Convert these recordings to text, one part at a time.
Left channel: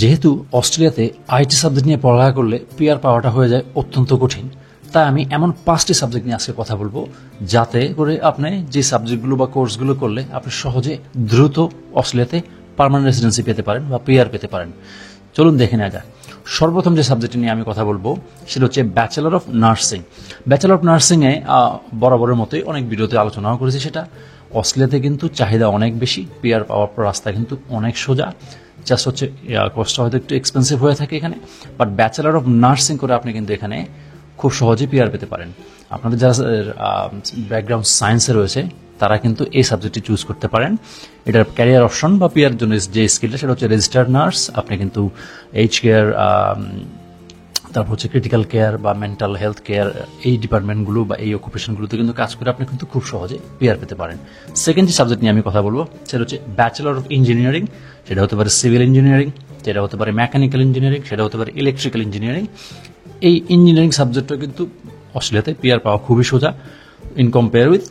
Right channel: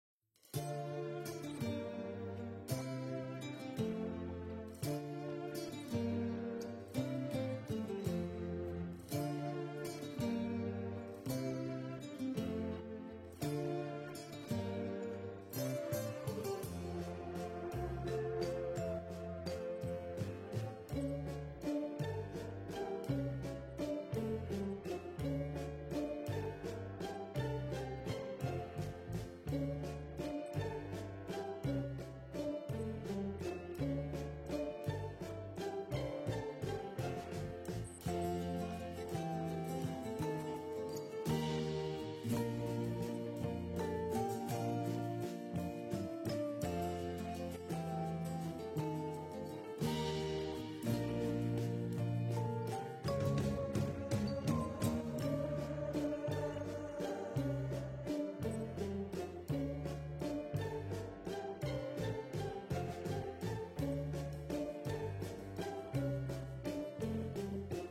যেহেতু অস্ট্রেলিয়াতে IT subject নিয়ে পড়ালেখা করলে পিআর পাওয়াটা হয়ে যায় অত্যন্ত কঠিন, তাই আমি এমন 5টি সাবজেক্ট নিয়ে আজকে কথা বলবো যাতে করে আপনি যে সাবজেক্টগুলো বা কোর্সগুলো করলে আপনি সহজে দ্রুত অস্ট্রেলিয়াতে পার্মানেন্ট রেসিডেন্সি পেতে পারেন বা পিআর পেতে পারেন। চলুন দেখে নেওয়া যাক। সর্বপ্রথম যে সাবজেক্টটি নিয়ে আমি কথা বলবো সেটা হচ্ছে bachelor of nursing. Bachelor of নার্সিংয়ে বরাবরের মতোই অনেক ভিডিওতে আলোচনাও করেছি। সেটা অস্ট্রেলিয়াতে কিন্তু চাহিদা অনেক বেশি, পিআর পাওয়ার রাস্তা কিন্তু অনেক সোজা। জাস্ট হচ্ছে কষ্ট হয়তো একটু এক্সপেন্সিভ হয়ে থাকে এখানে, বাট ব্যাচেলর অফ নার্সিং করে আপনি কিন্তু এখানে খুব সহজেই পিআর পেতে পারেন। আপনাদের যারা ব্যাকগ্রাউন্ড সায়েন্সে রয়েছে তারা কিন্তু এই সাবজেক্টটি চুজ করতে পারেন। এটার ক্যারিয়ার অপশন বা পিআর জন্য যে স্কিলটা সেটা হচ্ছে রেজিস্টার্ড নার্স। আপনি কিন্তু এইচ কেয়ার, তারপর হচ্ছে ক্রিটিক্যাল কেয়ার বা মেন্টাল হেলথ কেয়ার, এই ডিপার্টমেন্টগুলো বা এই অকুপেশনগুলোতে কিন্তু কাজ করে আপনি কিন্তু খুব সহজে পিআর পেতে পারেন। সেকেন্ড যে সাবজেক্ট নিয়ে আমি কথা বলবো সেটা হচ্ছে ব্যাচেলর অফ ইঞ্জিনিয়ারিং। সেটা হতে পারে সিভিল ইঞ্জিনিয়ারিং, সেটা হতে পারে মেকানিক্যাল ইঞ্জিনিয়ারিং, সেটা হতে পারে ইলেকট্রিক্যাল ইঞ্জিনিয়ারিং। এই ইঞ্জিনিয়ারিং সাবজেক্টটা কিন্তু অস্ট্রেলিয়াতে পিআর পাওয়া খুবই সোজা ইন কম্পেয়ার উইথ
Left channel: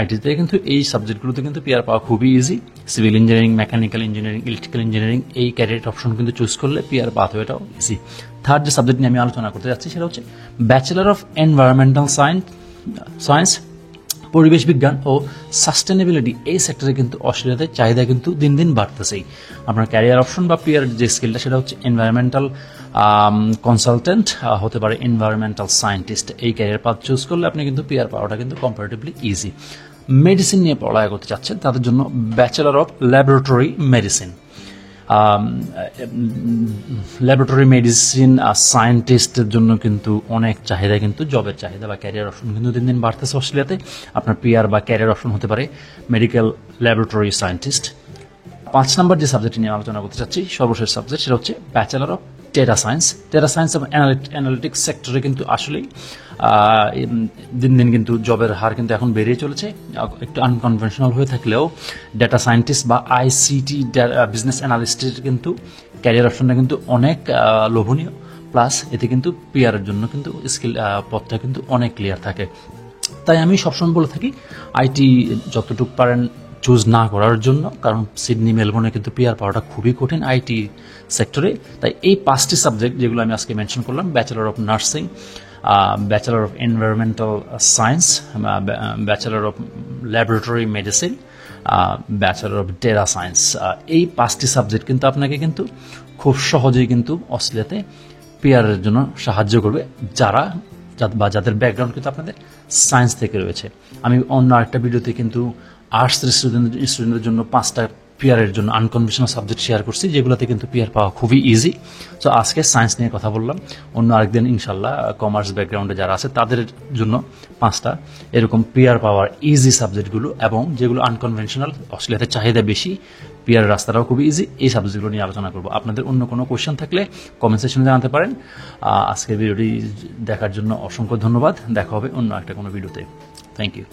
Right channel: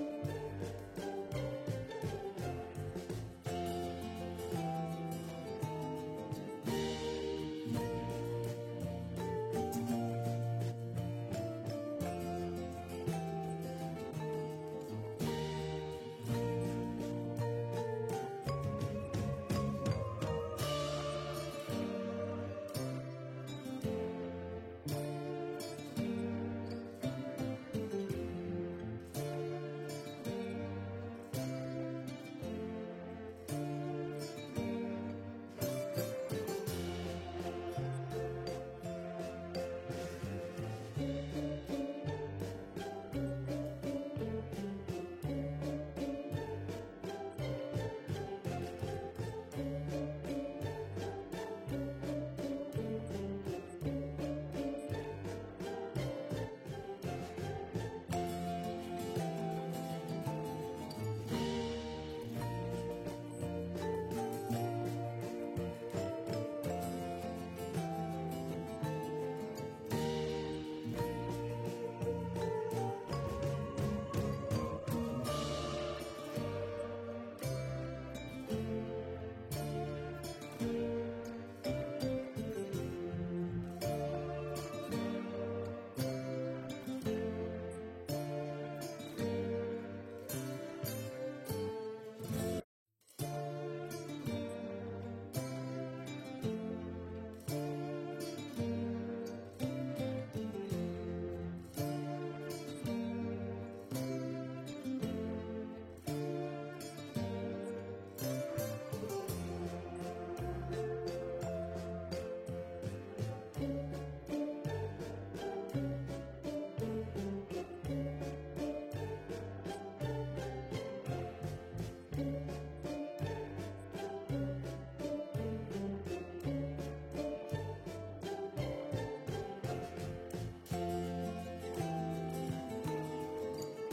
আইটিতে কিন্তু এই সাবজেক্টগুলোতে কিন্তু পিআর পাওয়া খুবই easy. Civil engineering, mechanical engineering, electrical engineering এই ক্যারিয়ার অপশন কিন্তু চুজ করলে পিআর পাথওয়েটাও ইজি। থার্ড যে সাবজেক্ট নিয়ে আমি আলোচনা করতে যাচ্ছি সেটা হচ্ছে ব্যাচেলর অফ এনভায়রনমেন্টাল সায়েন্স, পরিবেশ বিজ্ঞান ও সাস্টেনেবিলিটি। এই সেক্টরে কিন্তু অস্ট্রেলিয়াতে চাহিদা কিন্তু দিন দিন বাড়তেছেই। আপনার ক্যারিয়ার অপশন বা পিআর যে স্কিলটা সেটা হচ্ছে এনভায়রনমেন্টাল কনসালটেন্ট, হতে পারে এনভায়রনমেন্টাল সায়েন্টিস্ট। এই ক্যারিয়ার পাথ চুজ করলে আপনি কিন্তু পিআর পাওয়াটা কিন্তু কম্পারেটিভলি ইজি। মেডিসিন নিয়ে পড়ালেখা করতে চাচ্ছেন তাদের জন্য bachelor of laboratory medicine. Laboratory medicine সায়েন্টিস্টের জন্য কিন্তু অনেক চাহিদা, কিন্তু জবের চাহিদা বা ক্যারিয়ার অপশন কিন্তু দিন দিন বাড়তেছে অস্ট্রেলিয়াতে। আপনার পিআর বা ক্যারিয়ার অপশন হতে পারে মেডিকেল ল্যাবরেটরি সায়েন্টিস্ট। 5 নম্বর যে সাবজেক্ট নিয়ে আলোচনা করতে চাচ্ছি, সর্বশেষ সাবজেক্ট, সেটা হচ্ছে bachelor of data science. Data science এবং অ্যানালিটিক্স সেক্টরে কিন্তু আসলেই দিন দিন কিন্তু জবের হার কিন্তু এখন বেড়েই চলেছে। একটু আনকনভেনশনাল হয়ে থাকলেও ডেটা সায়েন্টিস্ট বা আইসিটি বিজনেস অ্যানালিস্টের কিন্তু ক্যারিয়ার অপশনটা কিন্তু অনেক লোভনীয়। প্লাস এতে কিন্তু পিআরের জন্য কিন্তু স্কিল পথটা কিন্তু অনেক ক্লিয়ার থাকে। তাই আমি সবসময় বলে থাকি আইটি যতটুকু পারেন চুজ না করার জন্য, কারণ সিডনি মেলবোর্নে কিন্তু পিআর পাওয়াটা খুবই কঠিন আইটি সেক্টরে। তাই এই 5টি সাবজেক্ট যেগুলো আমি আজকে মেনশন করলাম, bachelor of nursing, bachelor of environmental science, bachelor of laboratory medicine, bachelor of data science, এই 5টি সাবজেক্ট কিন্তু আপনাকে কিন্তু খুব সহজেই কিন্তু অস্ট্রেলিয়াতে পিআরের জন্য সাহায্য করবে যাদের ব্যাকগ্রাউন্ড কিন্তু আপনাদের সায়েন্স থেকে রয়েছে। আমি অন্য আরেকটা ভিডিওতে কিন্তু আর্টসের স্টুডেন্টদের জন্য 5টা পিআরের জন্য আনকনভেনশনাল সাবজেক্ট শেয়ার করছি, যেগুলোতে কিন্তু পিআর পাওয়া খুবই ইজি। সো আজকে সায়েন্স নিয়ে কথা বললাম, অন্য আরেকদিন ইনশাল্লাহ কমার্স ব্যাকগ্রাউন্ডে যারা আছে তাদের জন্য 5টা এরকম পিআর পাওয়ার ইজি সাবজেক্টগুলো, এবং যেগুলো আনকনভেনশনাল অস্ট্রেলিয়াতে চাহিদা বেশি, পিআর রাস্তাটাও খুবই ইজি, এই সাবজেক্টগুলো নিয়ে আলোচনা করবো। আপনাদের অন্য কোনো কোয়েশ্চেন থাকলে কমেন্ট সেকশনে জানাতে পারেন। আজকের ভিডিওটি দেখার জন্য অসংখ্য ধন্যবাদ। দেখা হবে অন্য একটা কোনো ভিডিওতে। Thank you.